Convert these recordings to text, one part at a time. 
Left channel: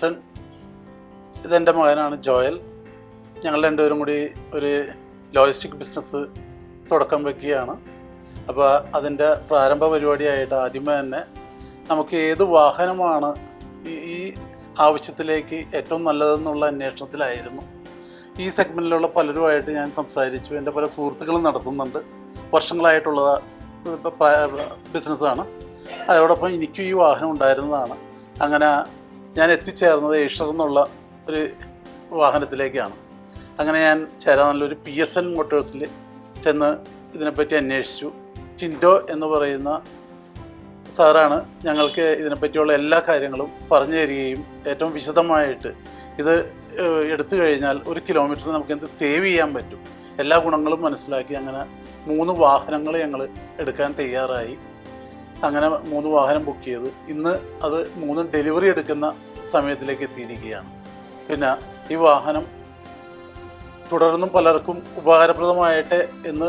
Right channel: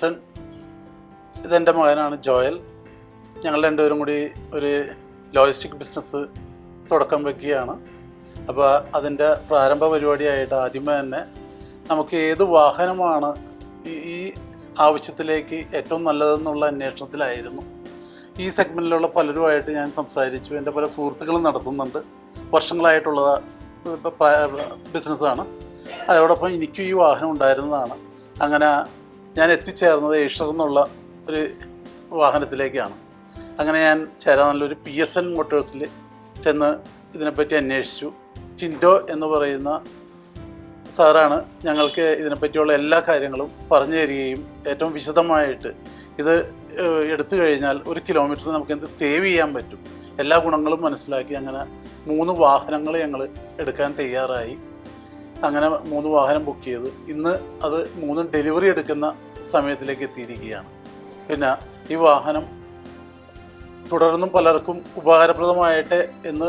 ജിൻസൺ, ഇതെൻ്റെ മകനാണ് ജോയൽ. ഞങ്ങൾ രണ്ടുപേരും കൂടി ഒരു ലോജിസ്റ്റിക് ബിസിനസ് തുടക്കം വയ്ക്കുകയാണ്. അപ്പോൾ അതിൻ്റെ പ്രാരംഭ പരിപാടിയായിട്ട് ആദ്യമേ തന്നെ നമുക്ക് ഏത് വാഹനമാണ് ഈ ആവശ്യത്തിലേക്ക് ഏറ്റവും നല്ലതെന്നുള്ള അന്വേഷണത്തിലായിരുന്നു. ഈ സെഗ്മെൻറ്റിലുള്ള പലരുമായിട്ട് ഞാൻ സംസാരിച്ചു. എൻ്റെ പല സുഹൃത്തുക്കളും നടത്തുന്നുണ്ട്. വർഷങ്ങളായിട്ടുള്ള ബിസിനസ്സാണ്. അതോടൊപ്പം എനിക്കും ഈ വാഹനം ഉണ്ടായിരുന്നതാണ്. അങ്ങനെ ഞാൻ എത്തിച്ചേർന്നത് ഏഷർ എന്നുള്ള ഒരു വാഹനത്തിലേക്കാണ്. അങ്ങനെ ഞാൻ ചേരാനല്ലൊരു PSN മോട്ടോഴ്സിൽ ചെന്ന് ഇതിനെപ്പറ്റി അന്വേഷിച്ചു. ടിൻഡോ എന്ന് പറയുന്ന സാറാണ് ഞങ്ങൾക്ക് ഇതിനെപ്പറ്റിയുള്ള എല്ലാ കാര്യങ്ങളും പറഞ്ഞു തരികയും ഏറ്റവും വിശദമായിട്ട് ഇത് എടുത്തു കഴിഞ്ഞാൽ 1 കിലോമീറ്റർ നമുക്ക് എന്ത് സേവ് ചെയ്യാൻ പറ്റും എല്ലാ ഗുണങ്ങളും മനസ്സിലാക്കി അങ്ങനെ 3 വാഹനങ്ങൾ ഞങ്ങൾ എടുക്കാൻ തയ്യാറായി. അങ്ങനെ 3 വാഹനം ബുക്ക് ചെയ്ത് ഇന്ന് അത് 3 ഡെലിവറി എടുക്കുന്ന സമയത്തിലേക്ക് എത്തിയിരിക്കുകയാണ്. പിന്നെ ഈ വാഹനം തുടർന്നും പലർക്കും ഉപകാരപ്രദമായിട്ട് എന്ന്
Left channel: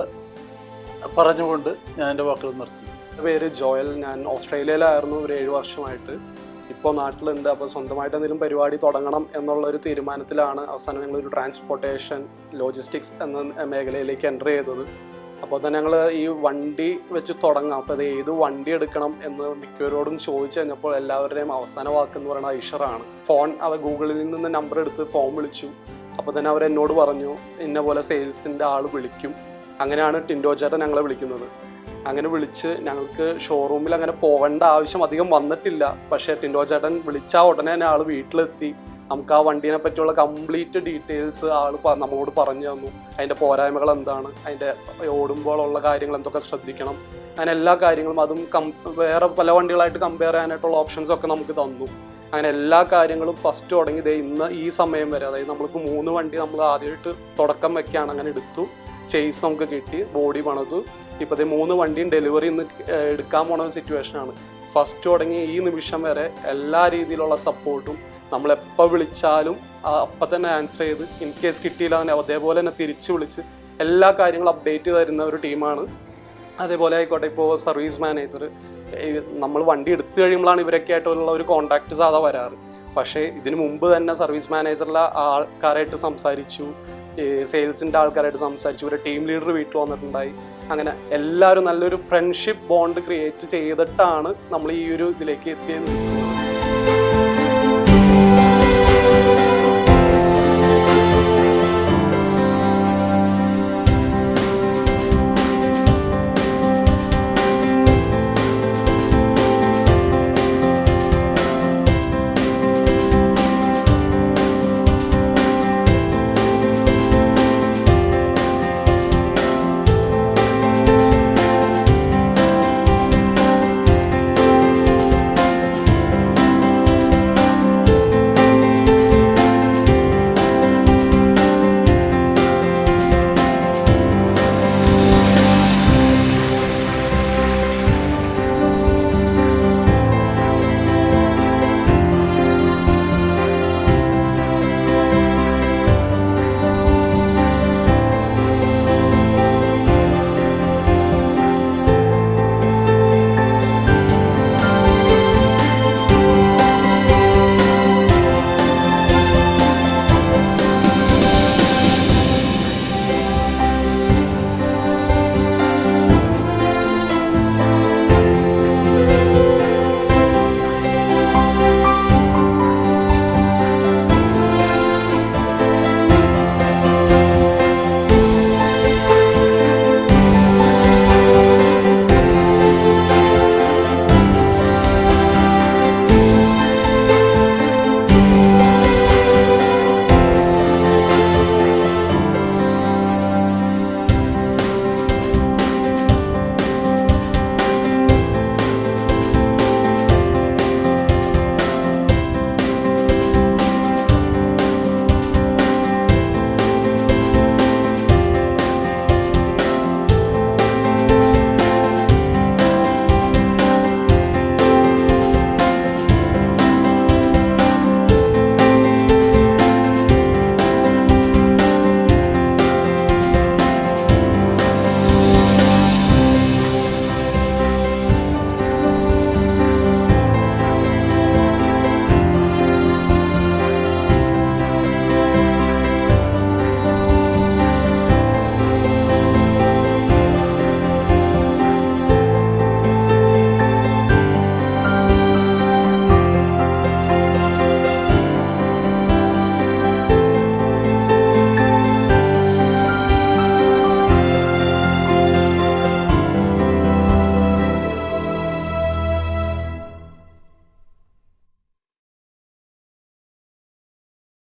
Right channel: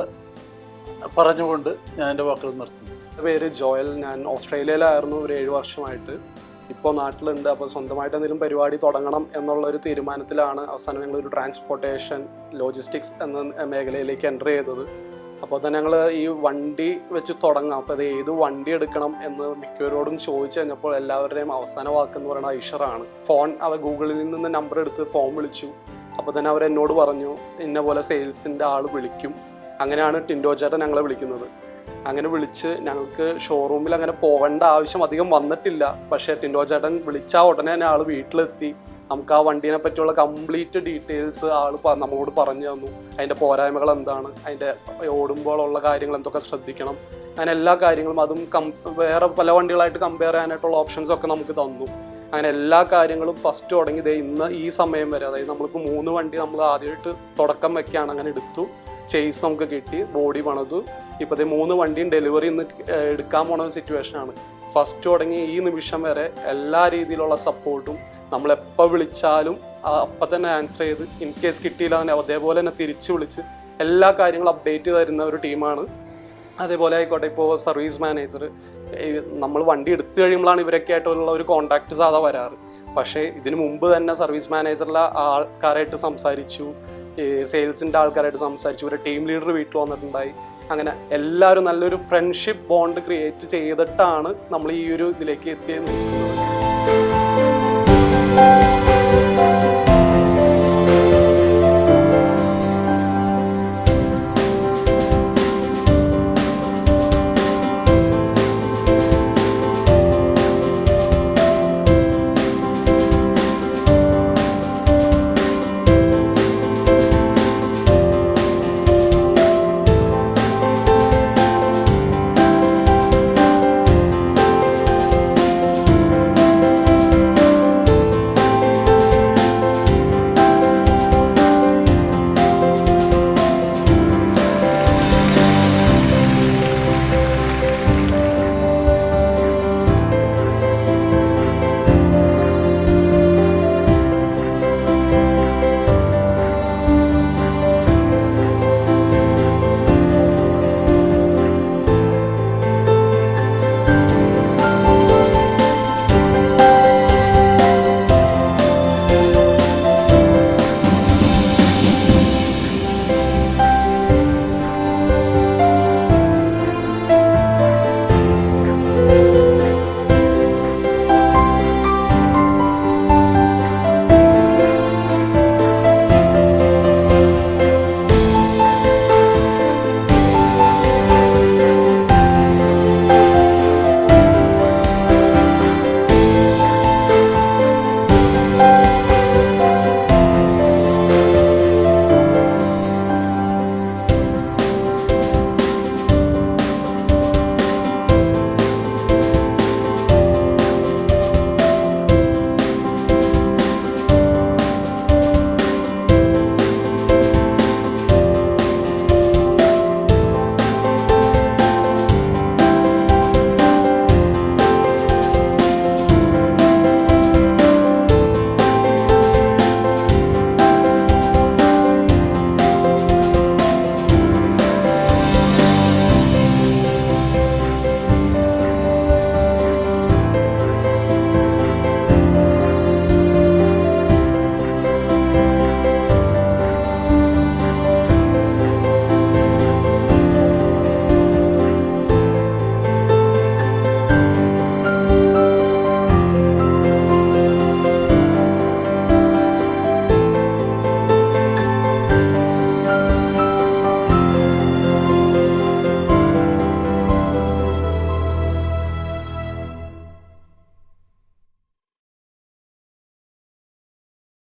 പറഞ്ഞുകൊണ്ട് ഞാൻ എൻ്റെ വാക്കുകൾ നിർത്തുന്നു. എൻ്റെ പേര് ജോയൽ. ഞാൻ ഓസ്ട്രേലിയയിലായിരുന്നു ഒരു 7 വർഷമായിട്ട്. ഇപ്പോൾ നാട്ടിലുണ്ട്. അപ്പോൾ സ്വന്തമായിട്ട് എന്തെങ്കിലും പരിപാടി തുടങ്ങണം എന്നുള്ളൊരു തീരുമാനത്തിലാണ് അവസാനം ഞങ്ങളൊരു ട്രാൻസ്പോർട്ടേഷൻ ലോജിസ്റ്റിക്സ് എന്ന മേഖലയിലേക്ക് എൻ്റർ ചെയ്തത്. അപ്പോൾ തന്നെ ഞങ്ങൾ ഈ വണ്ടി വെച്ച് തുടങ്ങാം, അപ്പോൾ അത് ഏത് വണ്ടി എടുക്കണം എന്ന് മിക്കവരോടും ചോദിച്ചു കഴിഞ്ഞപ്പോൾ എല്ലാവരുടെയും അവസാന വാക്കെന്ന് പറയുന്നത് ഐഷറാണ്. അവർ ഗൂഗിളിൽ നിന്ന് നമ്പർ എടുത്ത് ഫോൺ വിളിച്ചു. അപ്പോൾ തന്നെ അവരെന്നോട് പറഞ്ഞു ഇന്ന പോലെ സെയിൽസിൻ്റെ ആൾ വിളിക്കും. അങ്ങനെയാണ് ടിൻഡോ ചേട്ടൻ ഞങ്ങളെ വിളിക്കുന്നത്. അങ്ങനെ വിളിച്ച് ഞങ്ങൾക്ക് ഷോറൂമിൽ അങ്ങനെ പോകേണ്ട ആവശ്യം അധികം വന്നിട്ടില്ല. പക്ഷേ ടിൻഡോ ചേട്ടൻ വിളിച്ചാൽ ഉടനെ തന്നെ ആൾ വീട്ടിലെത്തി നമുക്ക് ആ വണ്ടീനെ പറ്റിയുള്ള കംപ്ലീറ്റ് ഡീറ്റെയിൽസ് ആൾ നമ്മളോട് പറഞ്ഞു തന്നു. അതിൻ്റെ പോരായ്മകൾ എന്താണ്, അതിൻ്റെ ഓടുമ്പോഴുള്ള കാര്യങ്ങൾ എന്തൊക്കെ ശ്രദ്ധിക്കണം, അങ്ങനെ എല്ലാ കാര്യങ്ങളും അതും വേറെ പല വണ്ടികളായിട്ട് കമ്പയർ ചെയ്യാനായിട്ടുള്ള ഓപ്ഷൻസൊക്കെ നമുക്ക് തന്നു. അങ്ങനെ എല്ലാ കാര്യങ്ങളും ഫസ്റ്റ് തുടങ്ങി ഇന്ന് ഈ സമയം വരെ, അതായത് നമ്മൾക്ക് 3 വണ്ടി നമ്മൾ ആദ്യമായിട്ട് തുടക്കം വെക്കുകയാണ്. അങ്ങനെ എടുത്തു, ചേസ് നമുക്ക് കിട്ടി, ബോഡി പണിതു. ഇപ്പോഴത്തെ 3 വണ്ടിയും ഡെലിവറി ഇന്ന് എടുക്കാൻ പോണ ഒരു സിറ്റുവേഷനാണ്. ഫസ്റ്റ് തുടങ്ങി ഈ നിമിഷം വരെ എല്ലാ രീതിയിലുള്ള സപ്പോർട്ടും നമ്മളെപ്പോൾ വിളിച്ചാലും അപ്പം തന്നെ ആൻസർ ചെയ്ത്, ഇൻ കേസ് കിട്ടിയില്ല തന്നെ അതേപോലെ തന്നെ തിരിച്ച് വിളിച്ച് എല്ലാ കാര്യങ്ങളും അപ്ഡേറ്റ് തരുന്ന ഒരു ടീമാണ്. അതേപോലെ ആയിക്കോട്ടെ, ഇപ്പോൾ സർവീസ് മാനേജർ, നമ്മൾ വണ്ടി എടുത്തു കഴിയുമ്പോഴാണ് ഇവരൊക്കെ ആയിട്ടുള്ള ഒരു കോൺടാക്റ്റ് സാധാ വരാറ്. പക്ഷേ ഇതിനു മുമ്പ് തന്നെ സർവീസ് മാനേജറിലെ ആൾക്കാരായിട്ട് സംസാരിച്ചു, സെയിൽസിൻ്റെ ആൾക്കാരായിട്ട് സംസാരിച്ചു, ഇവരുടെ ടീം ലീഡർ വീട്ടിൽ വന്നിട്ടുണ്ടായി. അങ്ങനെ എല്ലാവരും നല്ലൊരു ഫ്രണ്ട്ഷിപ്പ് ബോണ്ട് ക്രിയേറ്റ് ചെയ്തിട്ടാണ് നമ്മൾ ഈ ഒരു ഇതിലേക്ക് എത്തിയത്.